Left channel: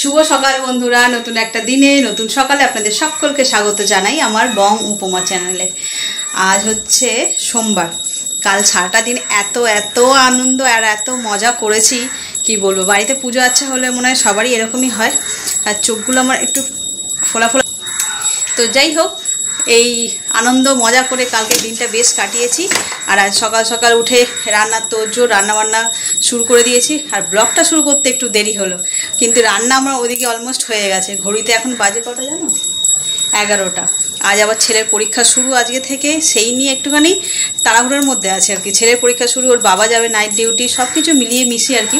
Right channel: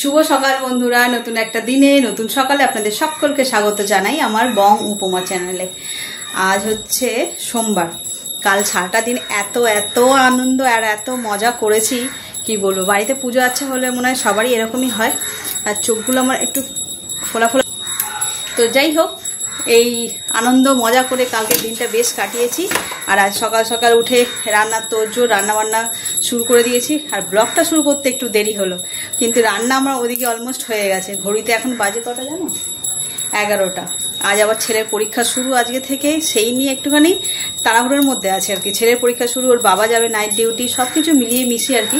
শুভ সকাল বন্ধুরা, নতুন একটা দিনে নতুন সকালে আপনাদের সকলকে স্বাগত জানাই আমার বং উপমা চ্যানেলে। আজ হচ্ছে সোমবার। কাল সারাটা দিন এত আনন্দ আর এত মজা করেছি কি বলবো। বাড়িতে পুজো আচ্ছা হলে মনে হয় সবারই এরকমই হয়, আর চোখগুলো আমার একটু ফোলা ফোলা। তো যাই হোক, এই আনন্দ মজা করে কালকে দিনটা বেশ কাটিয়েছি। আর আজ সকাল সকাল উঠে রান্নার তোড়জোড়, রান্নাবান্না শুরু করে দিয়েছি। আর ব্লগটা শুরু করতে একটু দেরি হলো, কিন্তু রান্না আমার ওদিকে অলমোস্ট হয়ে গেছে। ঘড়িতে এখন বাজে কটা জানো? 11টা। আজ আবার ছেলের পরীক্ষা শুরু আজকে থেকে, সেই নিয়ে একটুখানি তাড়াহুড়োর মধ্যে আছে আর কি। ছেলের পরীক্ষা শুরু, ওর বাবা যাবে নাইট ডিউটি, সব কিছু মিলিয়ে মিশিয়ে আর কি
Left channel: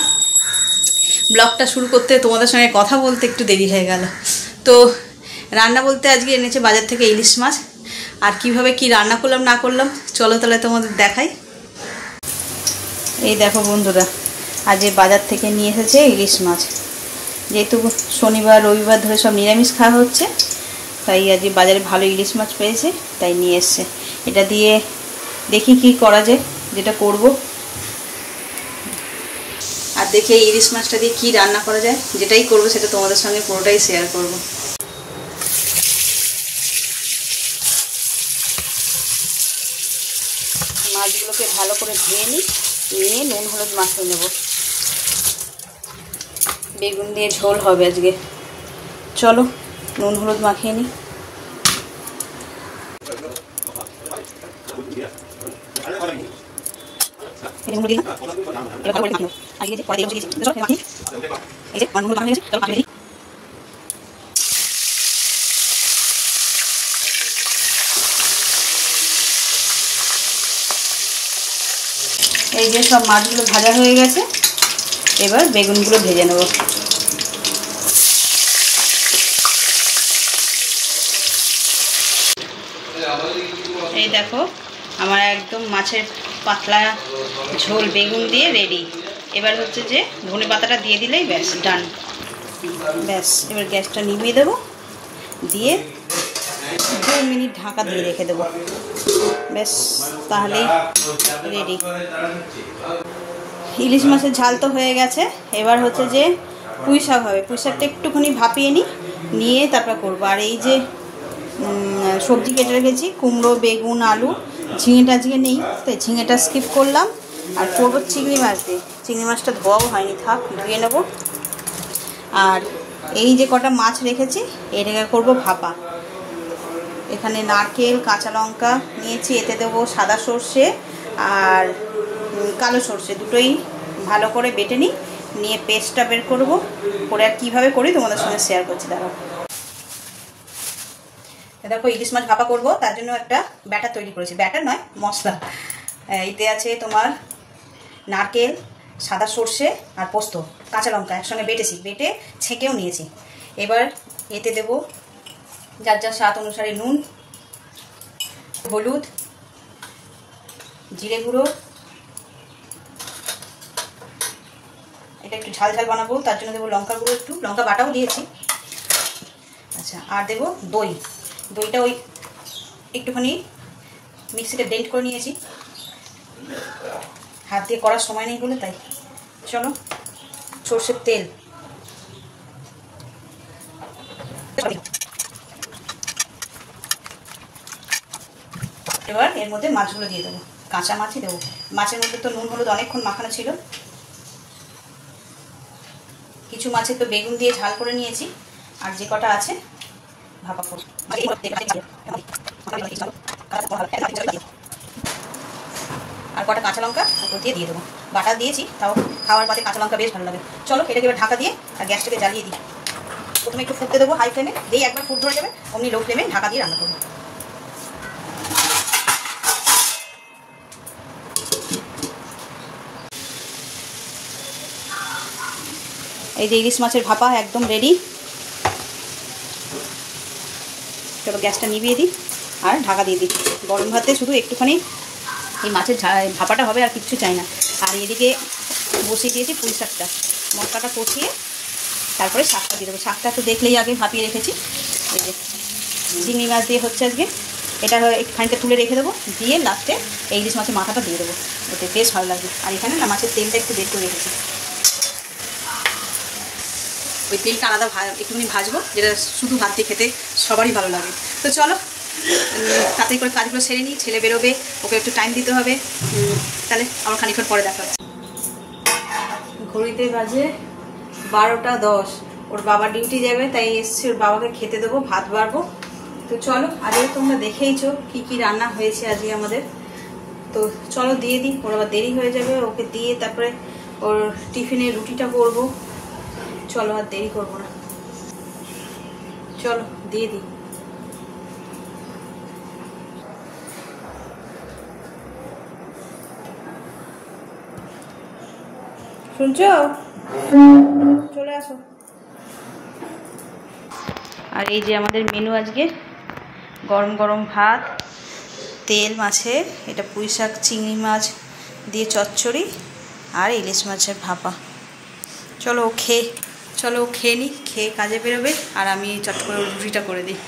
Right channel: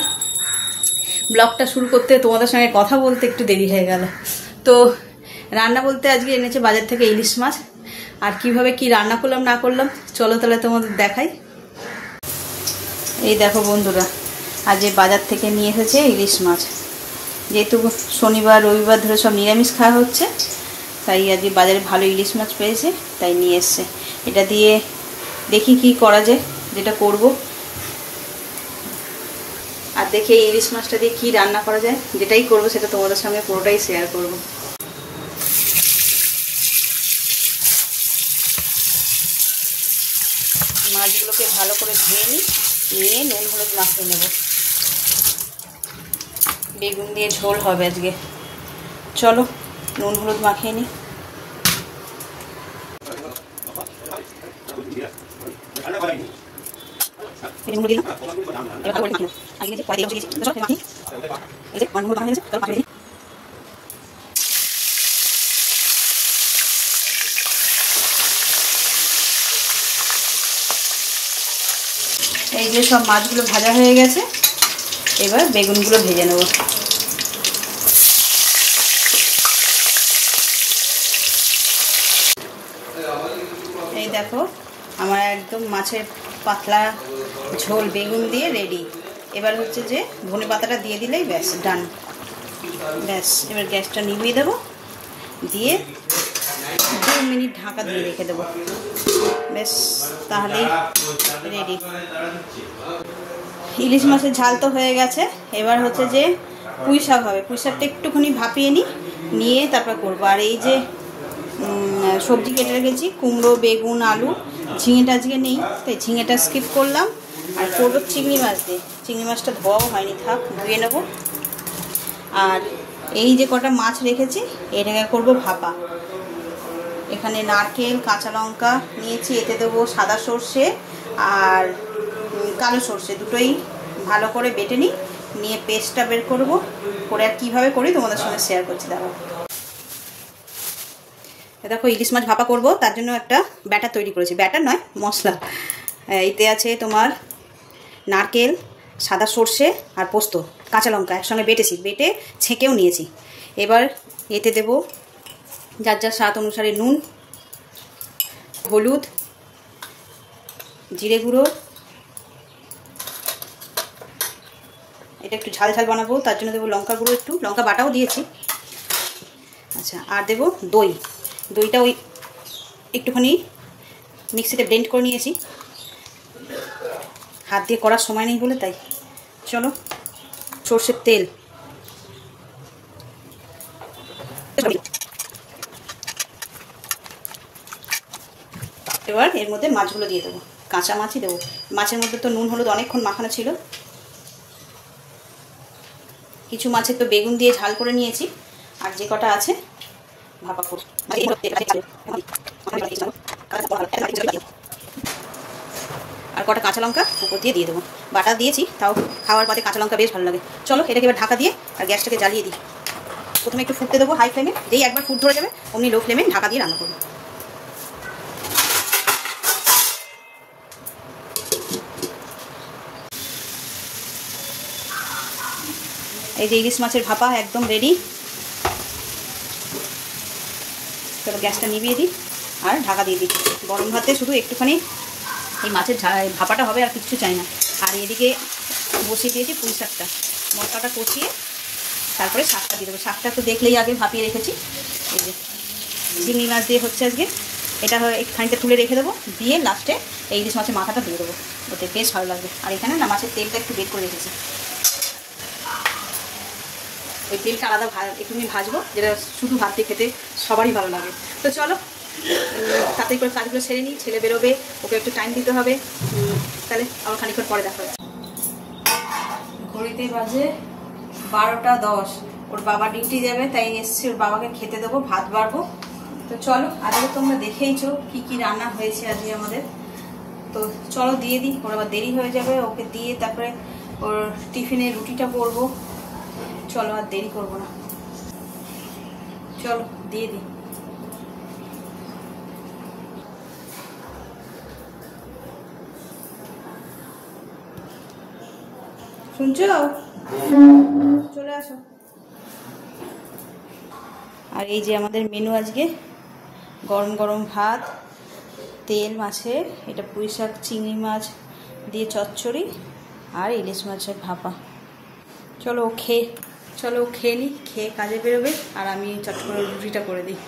ব্লগটা শুরু করতে তোমাদের সঙ্গে কথা বলতে একটু দেরি হয়ে গেল। তো রান্না বলতে আজকে এনেছে বাজার থেকে ইলিশ মাছ। আর কিভাবে কি রান্না করলাম না করলাম চলো তাহলে তোমাদের দেখাই। এই দেখো বন্ধুরা, আজ বাজার থেকে নিয়ে এসেছে ইলিশ মাছ। যেহেতু শনিবার রবিবার ধরে সব নিরামিষ খাওয়া হচ্ছে, তাই আজকে বাজারে ভালো ইলিশ মাছ পেয়েছে, তাই নিয়ে এসছে। এটা দিয়ে দেখি কি করা যায়, যেটা করব। আর দেখি এই ইলিশ মাছটা দিয়ে কি রান্না করা যায়, যেটাই করবো সেটা তোমাদের সঙ্গে পুরোটাই শেয়ার করব। মাছগুলোকে ভালো করে ধুয়ে নিয়ে নুন হলুদ মাখিয়ে নেব। বেগুন দিয়ে ঝোল হবে আজকে। চলো নুন হলুদ মাখিয়ে নিই। এই যে সব মাছগুলো ভাজা হয়ে গেছে, এবার বেগুনগুলো ভেজে নেব। এই দেখো আমার একদম মাছের পাতলা ঝোল বেগুন দিয়ে রেডি। এবার হচ্ছে যে ধনে পাতাটা দিয়ে দিলেই ব্যাস ডান। ব্যাস এবার গ্যাসটা নিভিয়ে দেবো, দিয়ে 2 মিনিট ঢাকা দিয়ে রেখে দেবো। ব্যাস তাহলেই রেডি। ইলিশ মাছের ঝাল তো হয়ে গেছে। এবার হচ্ছে যে পুঁই শাক হবে। পুঁই শাকটা একটুখানি ভাপিয়ে নিয়ে তারপর করবো। আর এই যে সবজি কেটে রেখেছি, কুমড়ো, বেগুন, আলু। ঝিঙেটা আজকে নেই, তাই ঝিঙেটা স্কিপ করলাম। আর করবো চিংড়ি মাছ দিয়ে। চিংড়ি মাছটা ধোয়াও হয়নি, থাক ধুয়ে নেব। আর এই যে কটা মাছ রেখেছি, এটাকে করবো ভাপা। এখানে নারকেল, কাঁচা লঙ্কা নিয়েছি, এতে দেবো সাদা সর্ষে আর কালো সর্ষে, দুটোই ভালো করে বেটে নিয়ে পেস্টটা বের করব। করে আর কীভাবে করি তোমাদের সঙ্গে শেয়ার করছি। দেখো ইলিশ মাছ ভাপা করব, তার জন্য একটা ব্যাটার তৈরি করেছি। ব্যাটার নয়, মশলা। এতে আছে তোমার নারকেল, সাদা সর্ষে আর পোস্ত, কাঁচা লঙ্কা একসঙ্গে বেটে ছেঁকেও নিয়েছি। এবার এতে দেব যার যার স্বাদ অনুসারে নুন, হলুদ, জিরে গুঁড়ো। এটা একটু ঝাল ঝাল বানাবো, তার জন্য দেবো লঙ্কা গুঁড়ো, একটু লঙ্কা বাটাও দিয়েছি। আচ্ছা, আর দেবো দই। দইটা ওই একটুখানি মিক্সিতে ব্লেন্ড করে নিয়েছি, হাত দিয়ে করার সময় নেই বলে তাই। চলো, সর্ষের তেল, এবার এর মধ্যে মাছগুলো দিয়ে দেবো। কাঁচা মাছই দেবো। মাছের মধ্যে তো নুন হলুদ অনেকক্ষণ মাখানো ছিল। কিছু মাছের তো বেগুন দিয়ে ঝাল করে নিয়েছি, আর যে কটা আছে ভাপা করব। আর কটা কাঁচা লঙ্কা উপর দিয়ে দেবো। বাটা দিয়েছি, তাও খাওয়ার পরে কাঁচা লঙ্কা বেশ ভালো লাগে। চলো এটাকে এবার ঢাকা দিয়ে আর গ্যাসটাকে জ্বালিয়ে দিই। প্রথমে একটু ফুটতে দেবো হাই ফ্লেমে, যেই একবার ফুট ধরে যাবে অমনি লো ফ্লেমে ঢাকা দিয়ে রান্না করবো। এই যে ইলিশ মাছের ভাপা একদম রেডি। এবার গ্যাসটা নিভিয়ে দিই আর ঢাকা দিয়ে দিই। গরম ভাতে শুধু একটুখানি এই মাছের ভাপাটা হবে, আর কিছু চাই না। আর এদিকে বসিয়ে দিয়েছি পুঁই শাকটা। মশলাটা কষিয়ে তারপরে শাকটা দিয়ে দেবো। শাকটা তো দেখলেই আগে ভাপিয়ে রেখেছি। এই যে চিংড়ি মাছ দিয়ে হচ্ছে আজকে। এটা একটুখানিটা তুলে রেখে দেবো, দিয়ে লাস্টে এই ইলিশ মাছের মাথাটা দিয়ে দেবো। ওতে বেশ ভালো লাগবে। আর এখানে না মাছের তেলটা একটু বের করে রেখেছি। ওই তেলটা আলাদা একটুখানি ভাজবো, যেটা শুধু ভাত দিয়ে খেতে সবারই ভালো লাগে। তো চলো তাড়াতাড়ি করে কাজগুলো সেরে নিই, ছেলে বেরোবে, ওকে একটু টাইম দিতে হবে। তাহলে আমার খানিকক্ষণ পরে দেখা হচ্ছে। ঘড়িতে বাজে 12টা 10, ওর বাবা ডিউটি যাবে, তাই এসছি ওর বাবাকে খেতে দেবো, ভাত বাড়বো। তো চলো, আগে তোমরা দেখেইছো কি কি রান্না হয়েছে আজকে আমাদের। তো চলো দিয়ে দিই, ওর আবার দেরি হয়ে যাবে, ওকে দিয়ে তারপরে ওর টিফিনে রুটিটা করবো। চলো আর দেরি করবো না, চলো দিয়ে দিই। শুনছো? চলে আসো। আর এই যে আমাদের মেনু আজকে, গরম গরম ভাত, তেল মাছের, এটা পুঁই শাক চিংড়ি মাছ দিয়ে চচ্চড়ি, আর ইলিশ মাছের ভাপা। চলো খেয়ে নিই, খেয়ে কাজে বেরোবে, আর আমি চট করে রুটিটা করে দিই।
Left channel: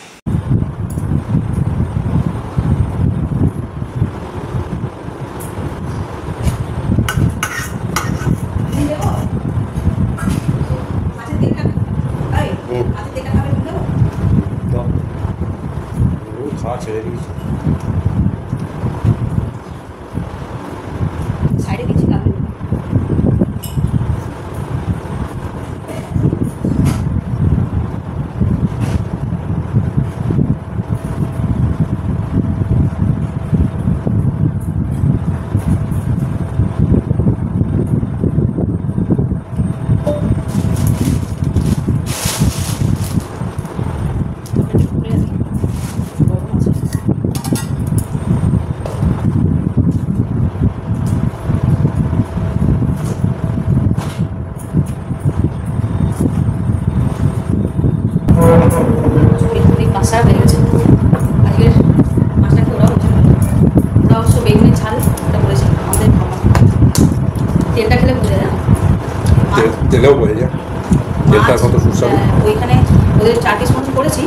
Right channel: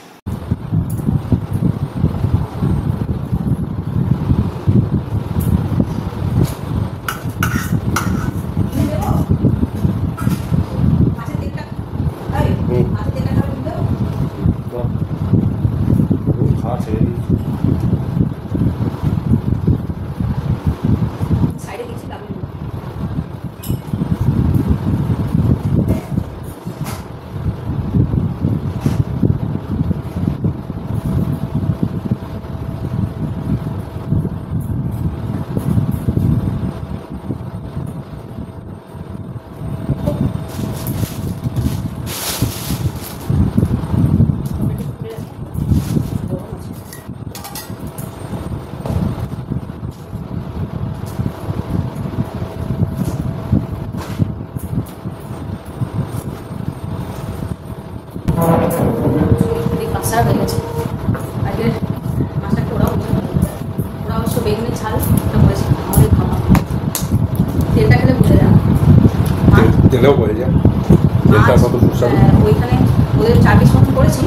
ওইখানে ওদের 4 পিস মতো করেছি,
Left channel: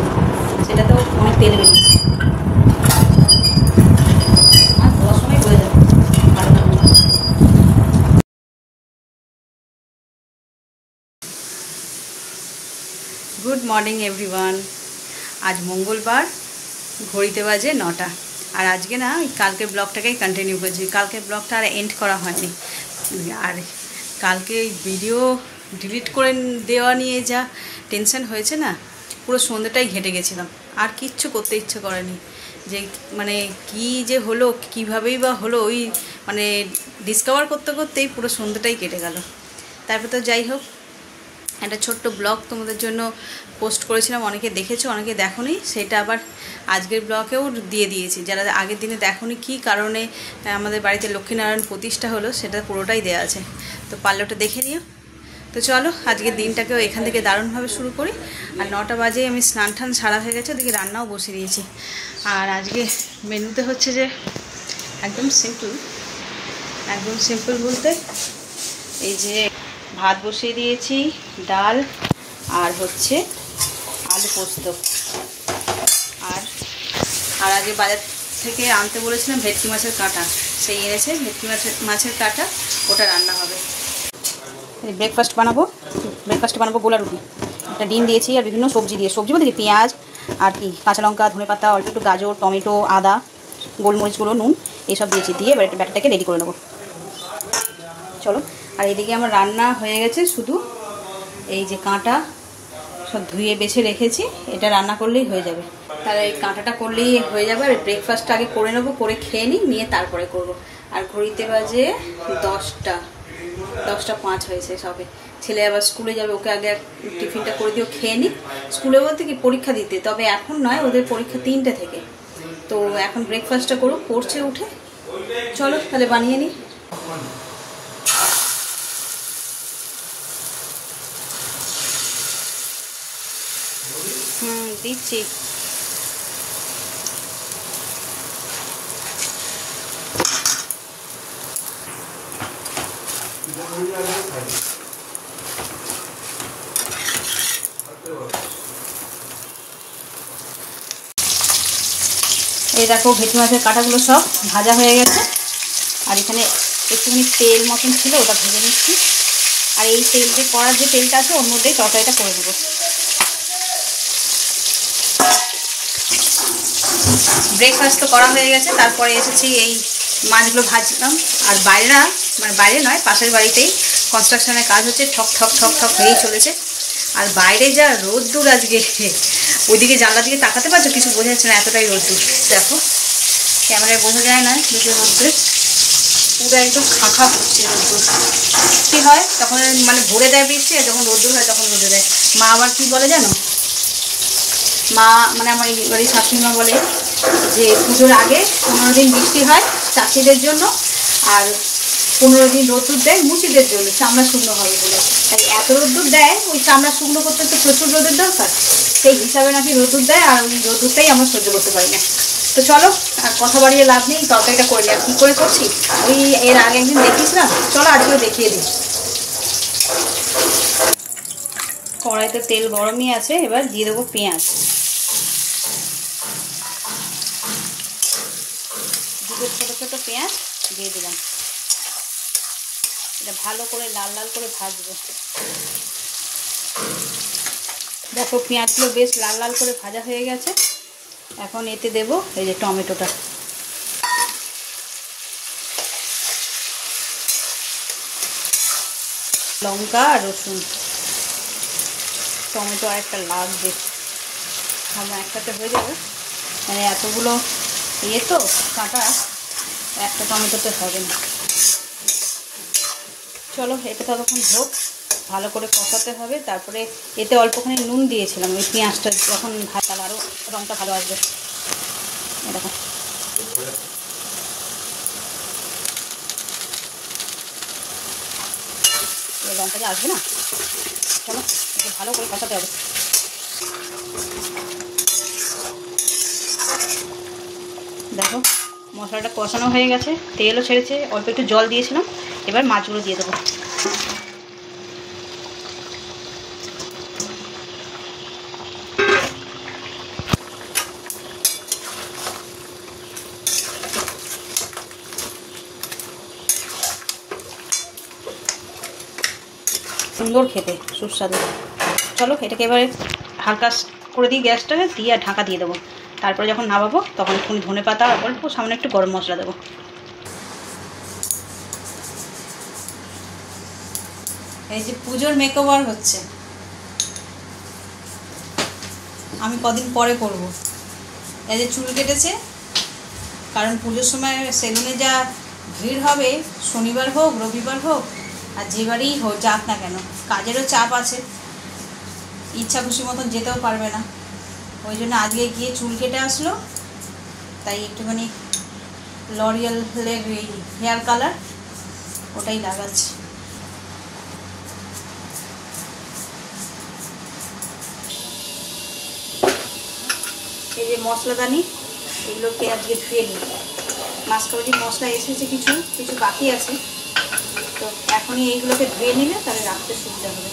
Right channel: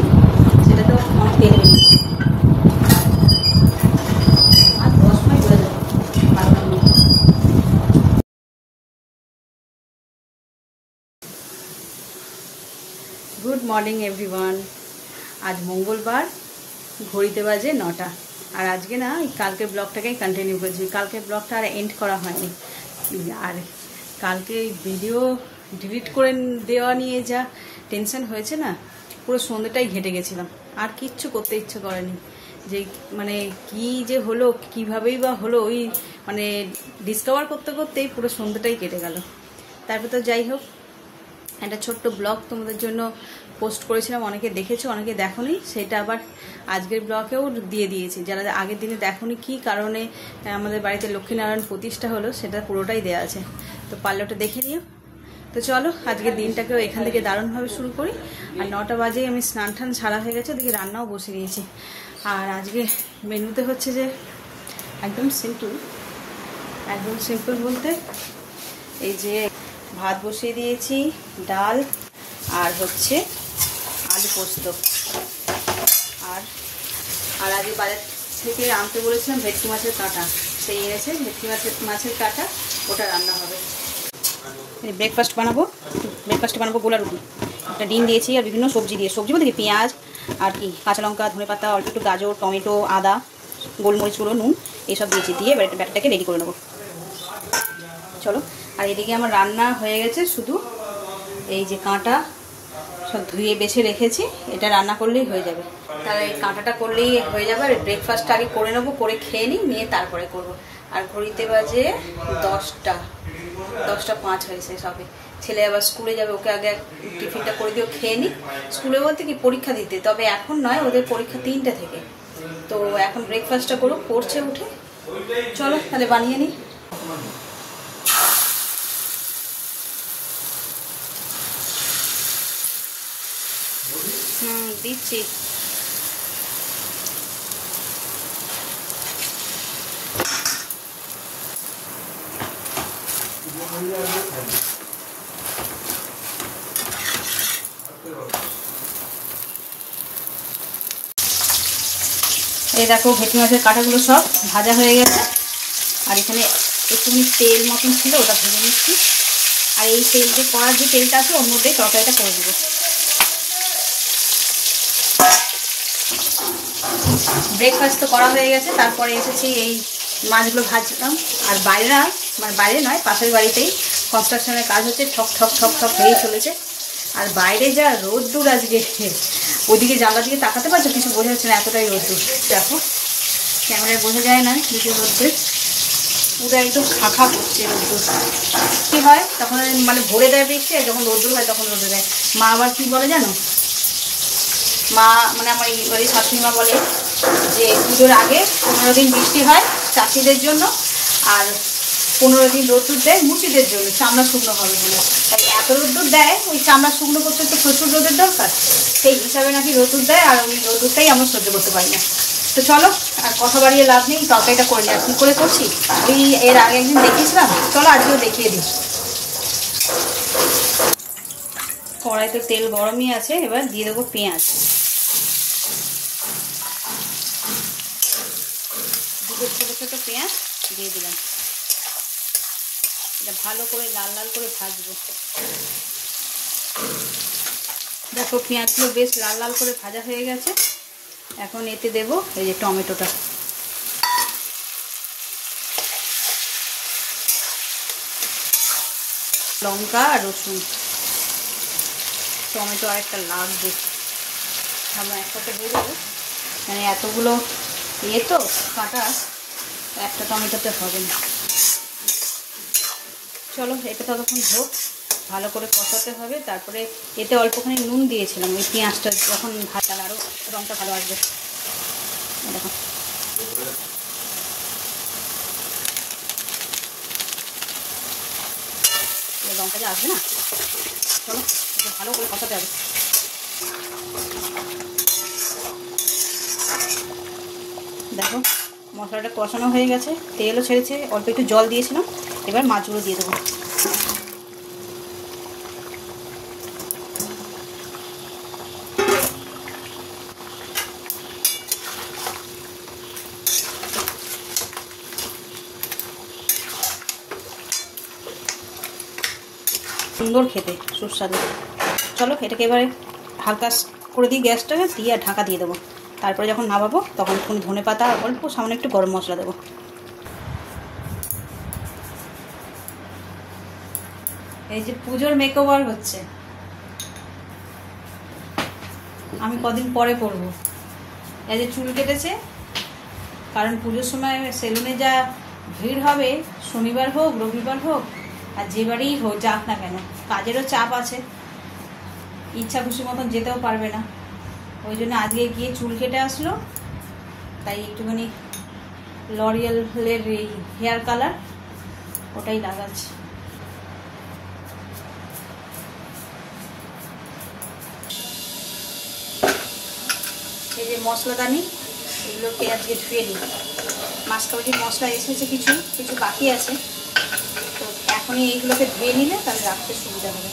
সেটাতেও অনেক তেল বেরিয়েছে। আর 10 সময় বোঝা যাবে। Good morning everyone. আজ মঙ্গলবার, ঘড়িতে বাজে 9টা। আর আজকে না কালকের ব্লগটাকেই কন্টিনিউ করছি, কালকের ব্লগটা আর এন্ড করা হয়নি। আর কালকে ভিডিও ডিলিট করে দেওয়া নিয়ে যা টেনশন হয়েছে না, পুরো সন্ধ্যাটাই ঘেটে গেছিলাম, আর কিচ্ছু করতে ইচ্ছে করেনি। যে মানে কি যে হলো, কীভাবেই বা হলো, ওই মানে ডিসকভার করতে করতেই পুরো সন্ধ্যাটাই কেটে গেল। তারপর তো যাই হোক, একটা ছোট্ট ব্লগ তোমাদের জন্য পোস্ট করেছিলাম, অনেকে দেখেছো অনেকে দেখোনি, সেটা আবার আজকের ব্লগেও দিয়ে দিয়েছি। যারা আগের দিনে দেখোনি কী কারণে আমাদের বাড়িতে লক্ষ্মীনারায়ণ প্রতিষ্ঠা হলো, সেটা পুরোটাই দেওয়া আছে, তো পারলে ওটা দেখে নিও। তো চলো আজকের দিনটাকেও এখান থেকে দারুণভাবে শুরু করি। আর 9টা বাজে আমি স্নান টান সারা হয়ে গেছে, ওদিকে রান্নাও বসিয়ে দিয়েছি। আর আজকে মেনুতে হচ্ছে যে একদম সিম্পল বলতে এই যে ভাত বসিয়ে দিয়েছি, ডাল, আর হচ্ছে আলু পোস্ত। আর আগে বাজার থেকে আনতে বলেছিলাম ভেটকি মাছের কাঁটা, সেই এনেছে ভেটকি মাছের কাঁটা, ওটা রান্না হবে। ব্রেকফাস্ট বানাবো গোলা রুটি, একটা ডিম দিয়েছি, আর বিভিন্ন সবজি বলতে কি পেঁয়াজ আর কি কাঁচা লঙ্কা, ধনে পাতা, অল্প একটু গাজর, টমেটো, আদা, গোলমরিচগুলো, নুন এইসব দিয়েছি, দিয়ে এবার একটা ব্যাটারটাকে রেডি করে নেবো। চলো, আর এদিকে আমার রান্না হয়ে গেছে, শুধু এই যে কাঁটা সব ধুয়ে বেছে রেখেছি, এটা রান্না করলেই হয়ে যাবে। তাহলে এই কাঁটাটা করলেই হয়ে যাবে। আর ব্রেকফাস্টটা আগে করে নেবো, করে খেয়ে নিয়ে তারপরে করব। আর ঘড়িতে বাজে 10টা 5 হয়েছে সবে। ছেলে আবার স্কুলে যাবে, ওকে আগে টিফিনটা করে দিও, খেয়ে নিই। স্কুলে বলতে কি পরীক্ষা দিতে, তবে এখন নয়, ওদের পরীক্ষা 3টা থেকে। তো এখন ব্রেকফাস্টটা করছে উঠে। চলো তাহলে বানিয়ে নিই। দিচ্ছি। এই দেখো ভেটকি মাছের কাঁটাগুলো সব ভাজা হয়ে গেছে, আর এখানে একটুখানি তেল মতন ছিল, ওটা ভেজে নিচ্ছি। আর এই তেল যে করার যে তেলটা আছে ওর মধ্যেই তরকারিটা করে দেবো। ব্রেকফাস্ট তো করা হয়ে গেছে, তারপরে এসেছি এই মাছগুলো ভাজলাম। আর বাইরে নয়, পাশের বাড়িতেই কনস্ট্রাকশনের কাজ হচ্ছে, ঠক ঠক ঠক ঠক হয়েই চলেছে। আর বাইরে যা রোদ্দুর আজকে, ওইদিকে জানলা দিকে তাকাতে পারছো, কিছু বোঝা যাচ্ছে না, এতটাই রোদ্দুর। দেখো ক্যামেরায় বোঝা যায় না যদি রোদ্দুর, পুরো একদম খাঁখা করছে রোদ্দুর। কী হয় তখন মানে ভরে দেয় বৃষ্টি, আর যখন রোদ্দুর হয় তখন রোদে দেয়। মা আবার কি বলে জানো, মা মানে আমার এই শাশুড়ি মা বলে যে পুজোর আগে 15 দিন বৃষ্টি হয় চাষিদের জন্য, আর 15 দিন রোদ্দুর দেয় মুচিদের জন্য, চামড়া শুকনো হবে বলে। তাই এত রোদ্দুর দেয়, ওই চামড়া শুকনো করতে তো প্রচুর রোদের দরকার, সেই হিসাবে নাকি রোদ্দুর দেয়, আর ওই রোদ্দুরটাই আমি সহ্য করতে পারি না। তো চলো আর কথা বাড়িয়ে লাভ নেই, তরকারিটা করে আর কী করে করছি ওই এর আগে একদিন দেখিয়েছিলাম, চলো আজকেও দেখিয়ে দিই। কড়াইতে তেল গরমই আছে, এবার দিয়ে দেবো পেঁয়াজ। দুটো ছোটো ছোটো পেঁয়াজ দিয়ে দিলাম, এটা ভালো করে লাল লাল করে ভাজবো। দেখো পেঁয়াজগুলো বেশ লাল লাল করে ভাজা হয়ে গেছে। এখন এতে দেবো এই যে টমেটোটা, লঙ্কা আর রসুন। টমেটো আরেকটা লাগবে, আমরা একসাথে হয়ে যাবে, মানে এতগুলো তো কাটা, একটা টমেটোতে হবে না। চলো এটা ততক্ষণ হোক, ভালো করে কষাতে হবে। তারপরে এতে অল্পখানি নুন দিয়েছিলাম, ওই পেঁয়াজটা যখন ভাজা আরও রঙটা ভালো আসবে। দেখো রঙটা আসবে না, চলো ভালো করে কষাতে হবে। দেখো মশলাটা কষানো হয়ে গেছে, তেলও ছেড়েছে, অল্প একটু জল দিয়েছিলাম। এবার মাছগুলো দিয়ে দেবো। সুন্দর খেতে, সুস্বাদু। চলো এটাকে এবারে হালকা করে দিই গ্যাসটা, দিয়ে আর ঢাকা দিয়ে দেবো। তারপরে যখন নামাবো তখন একটু ধনে পাতা আর অল্প সামনে একটু গরম মশলা দেবো। এই যে পুজোর মেকওভার হচ্ছে, আমি কদিন পরে করব। এই যে চুল কেটেছে, কারণ পুজোর সময় সেলুনে যা ভিড় হবে, শনিবার হোক রবিবার হোক আর যে বাড়িই হোক যাক না কেন, কাজেরও চাপ আছে, ইচ্ছা খুশি মতন যেতেও পারবে না। ওই জন্য আজকে গিয়ে চুল কেটে আসলো, তাই একটুখানি লরিয়ালের এই হেয়ার কালার ওটাই লাগাচ্ছে। এই যে মশলাদানি, এগুলোকে আজকে ধুয়ে নিই। মাছ কমিটির মশলা এসেছে, কিছু কিছু বাকি আছে, তো এখনই এইগুলোকে ধুয়ে নিলে তাহলে রাখতে সুবিধা হবে।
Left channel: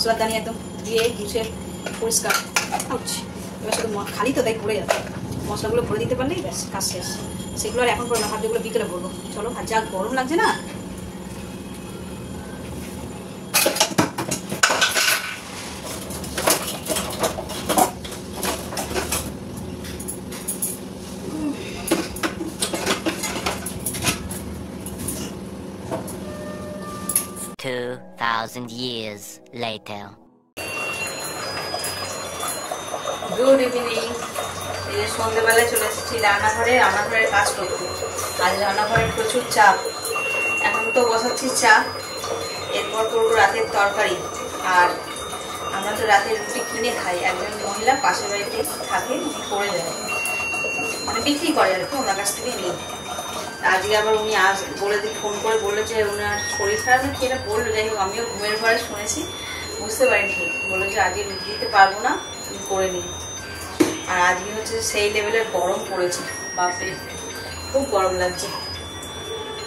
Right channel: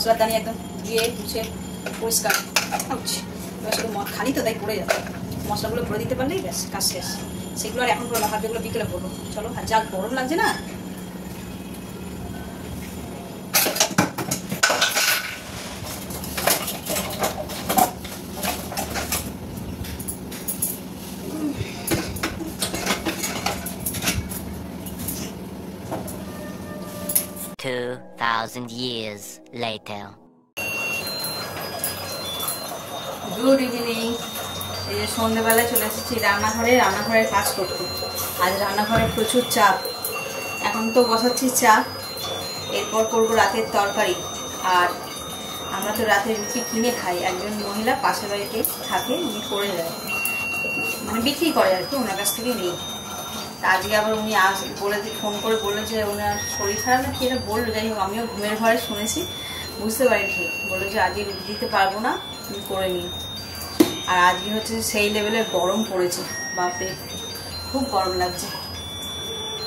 মশলার দানি একদম ধুয়ে মুছে পরিষ্কার। এবার শুধু খালি তো তাই পড়ে যাবে, মশলাগুলো ভরে দিতে পারলেই ব্যাস কাজ শেষ। সেগুলো আর এখন করবো না, যেগুলো বিকেলে ভরবো। চলো, আর যা গরম লাগছে না। $2,000 years later. Good evening. এই যে সন্ধ্যেবেলায় চলে এসেছি রান্নাঘরের কাজ করতে। আজ রান্নাঘরে প্রচুর চাপ। এখন তো বসাচ্ছি চা, এরপর করবো রাতের তরকারি। আর আমরা তো রাতে রুটি কিনে খাই। একজন মহিলা পাশের বাড়িতে থাকে, উনি করে দেয়, মানে বিক্রি করে আর কি, ওনার কাছ থেকে নেই। আজকে আবার উনি ফোন করে বললো যে ওনার শরীর খারাপ না কি এটা বললো। যাই হোক, আমিও ঘুমের ঘরে শুনেছি, বুঝতে পারিনি ঠিক। বললো যে আজকে রুটি দিতে পারবো না, তুমি করে নিই। আর আজকে হচ্ছে সেই লেভেলের গরম পড়েছে, বাপরে খুব গরম লাগছে।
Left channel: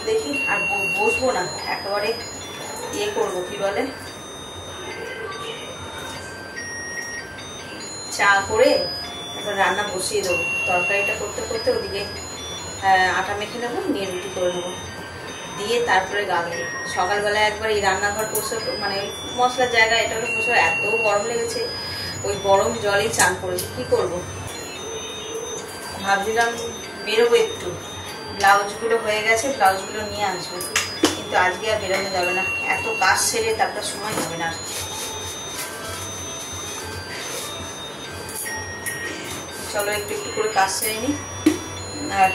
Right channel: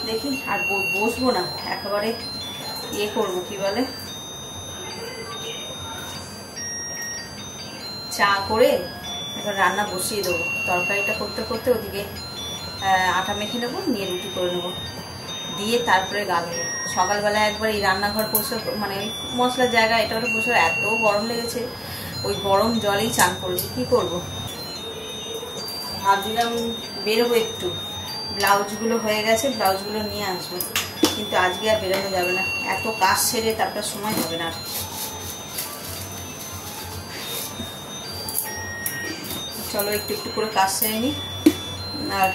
দেখি আর বসবো না, একেবারে ইয়ে করবো, কি বলে, চা করে এখন রান্না বসিয়ে দেবো। তরকারিটা করতে করতে ওদিকে আটা মেখে নেবো, নিয়ে রুটি করে নেবো, দিয়ে তারপরে গা ধুবো। সকালবেলায় একবার এই রান্নাঘর পরিষ্কার, মানে মশলার জায়গা এটা ওটা পরিষ্কার, এত গরম লেগেছে, ওই গরম জলেই চান করেছে। কি করব, ভাবছিলাম বেরোবো একটু, ব্লাউজগুলো হয়ে গেছে, ব্লাউজগুলো নিয়ে আসবো, কিন্তু আজকে আর বেরোনো যাবে না, এত কাজ সেরে তারপর সময় হবে না। চলো একটু একটু করে কাজ সেরে নিই। আর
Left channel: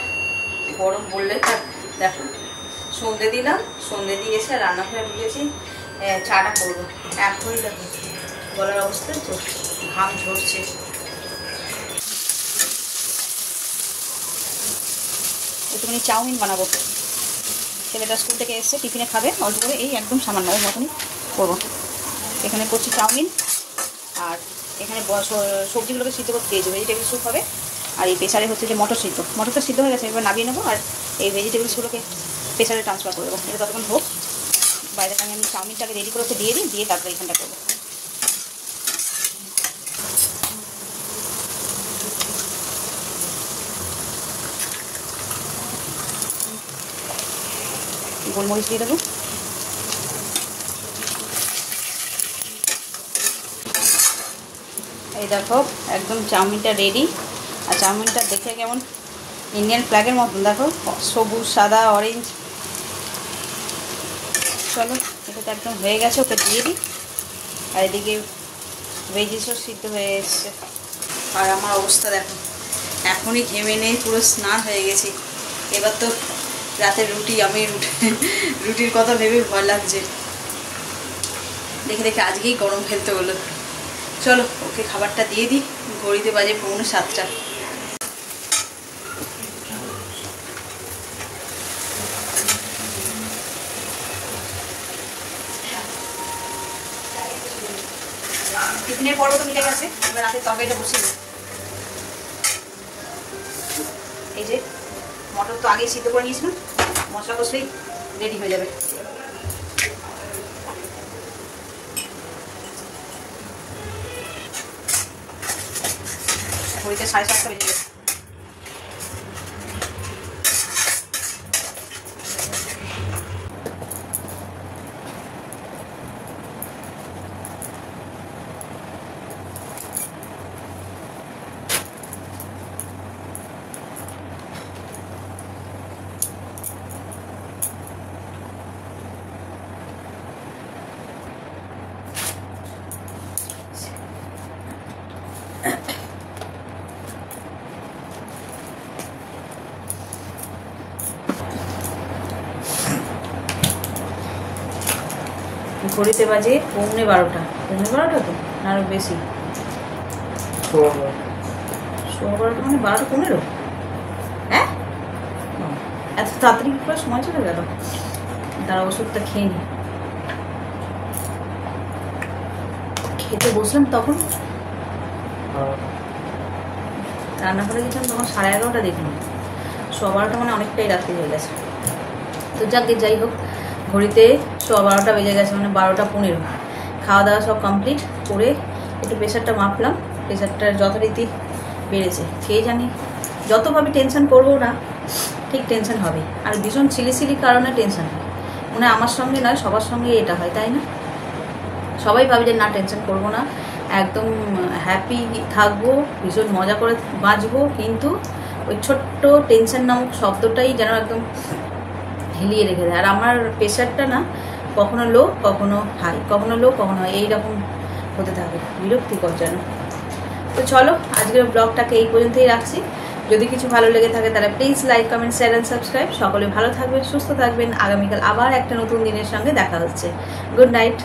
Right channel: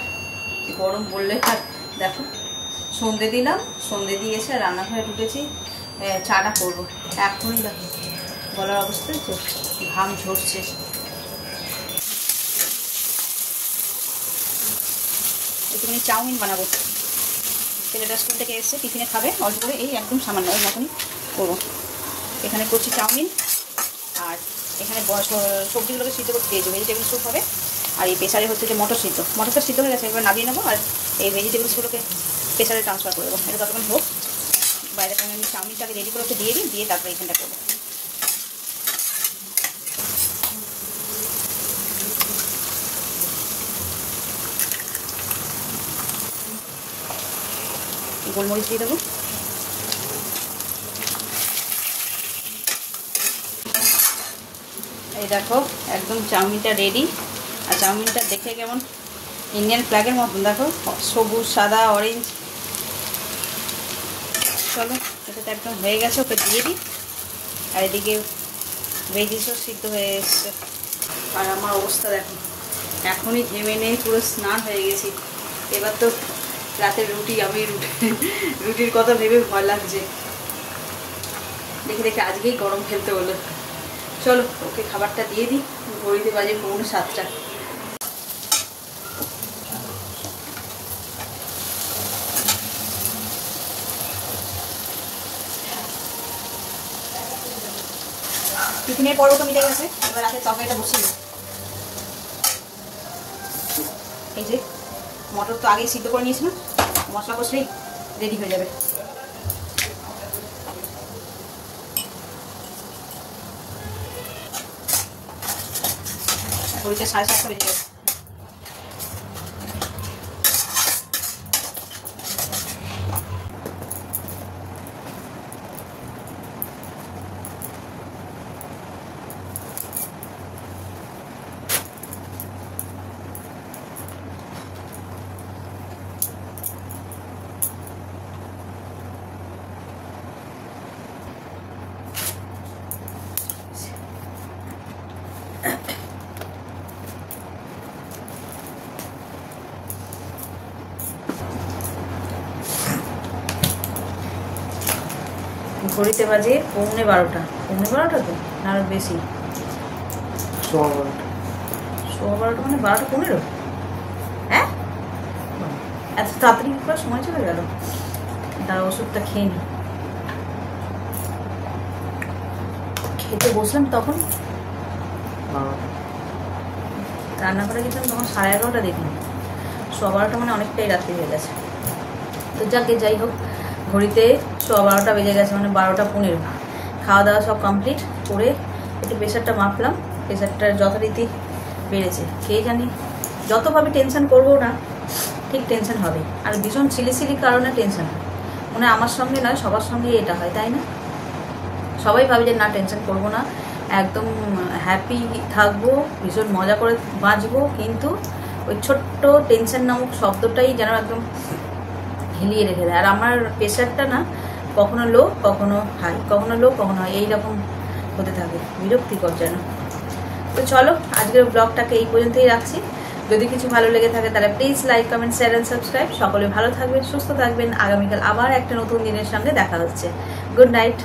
গরম বললে দেখো, সন্ধে দিলাম, সন্ধে দিয়ে এসে রান্নাঘরে ঢুকেছি, চাটা করবো। এখনই দেখো গলার অবস্থা, ঘাম ঝরছে। একটুখানি চাউমিন বানাবো, ছেলেটা স্কুল থেকে এসে টিফিনে খাবে, অল্প করে, এই একদম সামান্য মতনই করবো। এখানে করছি চাউমিন, আর এখানে সবজিগুলোকে সিদ্ধ করতে দিয়েছি, ভেজিটেবল স্যুপ হবে। আর এই প্রেসারে হচ্ছে যে মটরটা সিদ্ধ হয়ে গেছে, এবার নামিয়ে নেবো। আর এই ভেজিটেবলসগুলোকে প্রেসারে ট্রান্সফার করবো। এটা ততক্ষণ হোক, বাইরে আমি চাউমিনটাকে রেডি করে দিয়ে তারপরে এখানটা করবো। গোলমরিচ দিয়ে দেবো, এই দেখো একদম চাউমিনটা রেডি। আর চাউমিনটা দেখে কেমন ইন্ডিয়ান ফ্ল্যাগের মতন, দেখো সবুজ, সাদা, অরেঞ্জ। চলো, এটা তো একদম হয়ে গেছে, ওকে দিয়ে দিই। আর এদিকে ভেজিসও সিদ্ধ হয়ে এসছে। আর আমার অবস্থা দেখো, এখনই ঘেমে নেই, পুরো স্নান হয়ে গেছি। এবার তো রাতের রুটি, আমি রুটির কথা ভেবে ভয় লাগছে, দেখে দেখে আজকেই গরম ফেলতে হলো। চলো ওকে খাবারটা দিয়ে দিই, ঘড়িতে বাজে 6:45। টিফিনের পর্ব তো মিটে গেছে, এবার রাতের তরকারিটা বসিয়ে দিই। এই যে মটর তো আগেই সিদ্ধ করে নিয়েছিলাম, মশলা কষলেই রেডি হয়ে যাবে। এখন এটা 7:30 হয়ে যাবে। ঘড়িতে বাজে 12:15। 12:15 তো আরো বেশি, 12:15 মানে 12:15। হ্যাঁ, এত তাড়াতাড়ি পুরো সময় চলে গেল। তার ওষুধটা খেয়ে নি, খেতে বসলাম তখন রান্নাঘরে গেছিলাম, তখন 11:30 দেখলাম। 12:15 মানে অনেকটাই রাত্রি হয়ে গেছে। তো যাকে যাই হোক, ঘড়িতে 12:15 বেজে গেছে, মানে 12:15। খাওয়া দাওয়া সব কমপ্লিট করে একটু প্রেশারটা মাপলাম। প্রেশারটার যথারীতি বেড়েছে। কে জানি যতভাবে টেনশন করবো না ঠিক টেনশন হবে, আর ভীষণ সিলি কারণে টেনশন হয়। মনে হয় আমার সঙ্গে না সবার সঙ্গে এটা হয়, তাই না? সবাই ভাবে যে না টেনশন করবো না, একদম হ্যাপি থাকবো, ভীষণ মজা করে বাঁচবো, কিন্তু ওই ছোট্ট টেনশন নামক শব্দটাই যেন একদম হিলিয়ে রেখে দেয়। আর আমার প্রেশারটা না কখনো লো কখনো হাই, কখনো লো কখনো হাই, এইরকম হতে থাকে, বিরক্তিকর যেন। তো চলো আজকের ব্লগটাকে এই পর্যন্তই রাখছি। যদি কিছু ভালো লেগে থাকে তাহলে please like, comment, share and subscribe. সকলে ভালো থাকবেন, সুস্থ থাকবেন। আগামীকাল আবার একটা নতুন দিনের সঙ্গে দেখা হচ্ছে। Good night.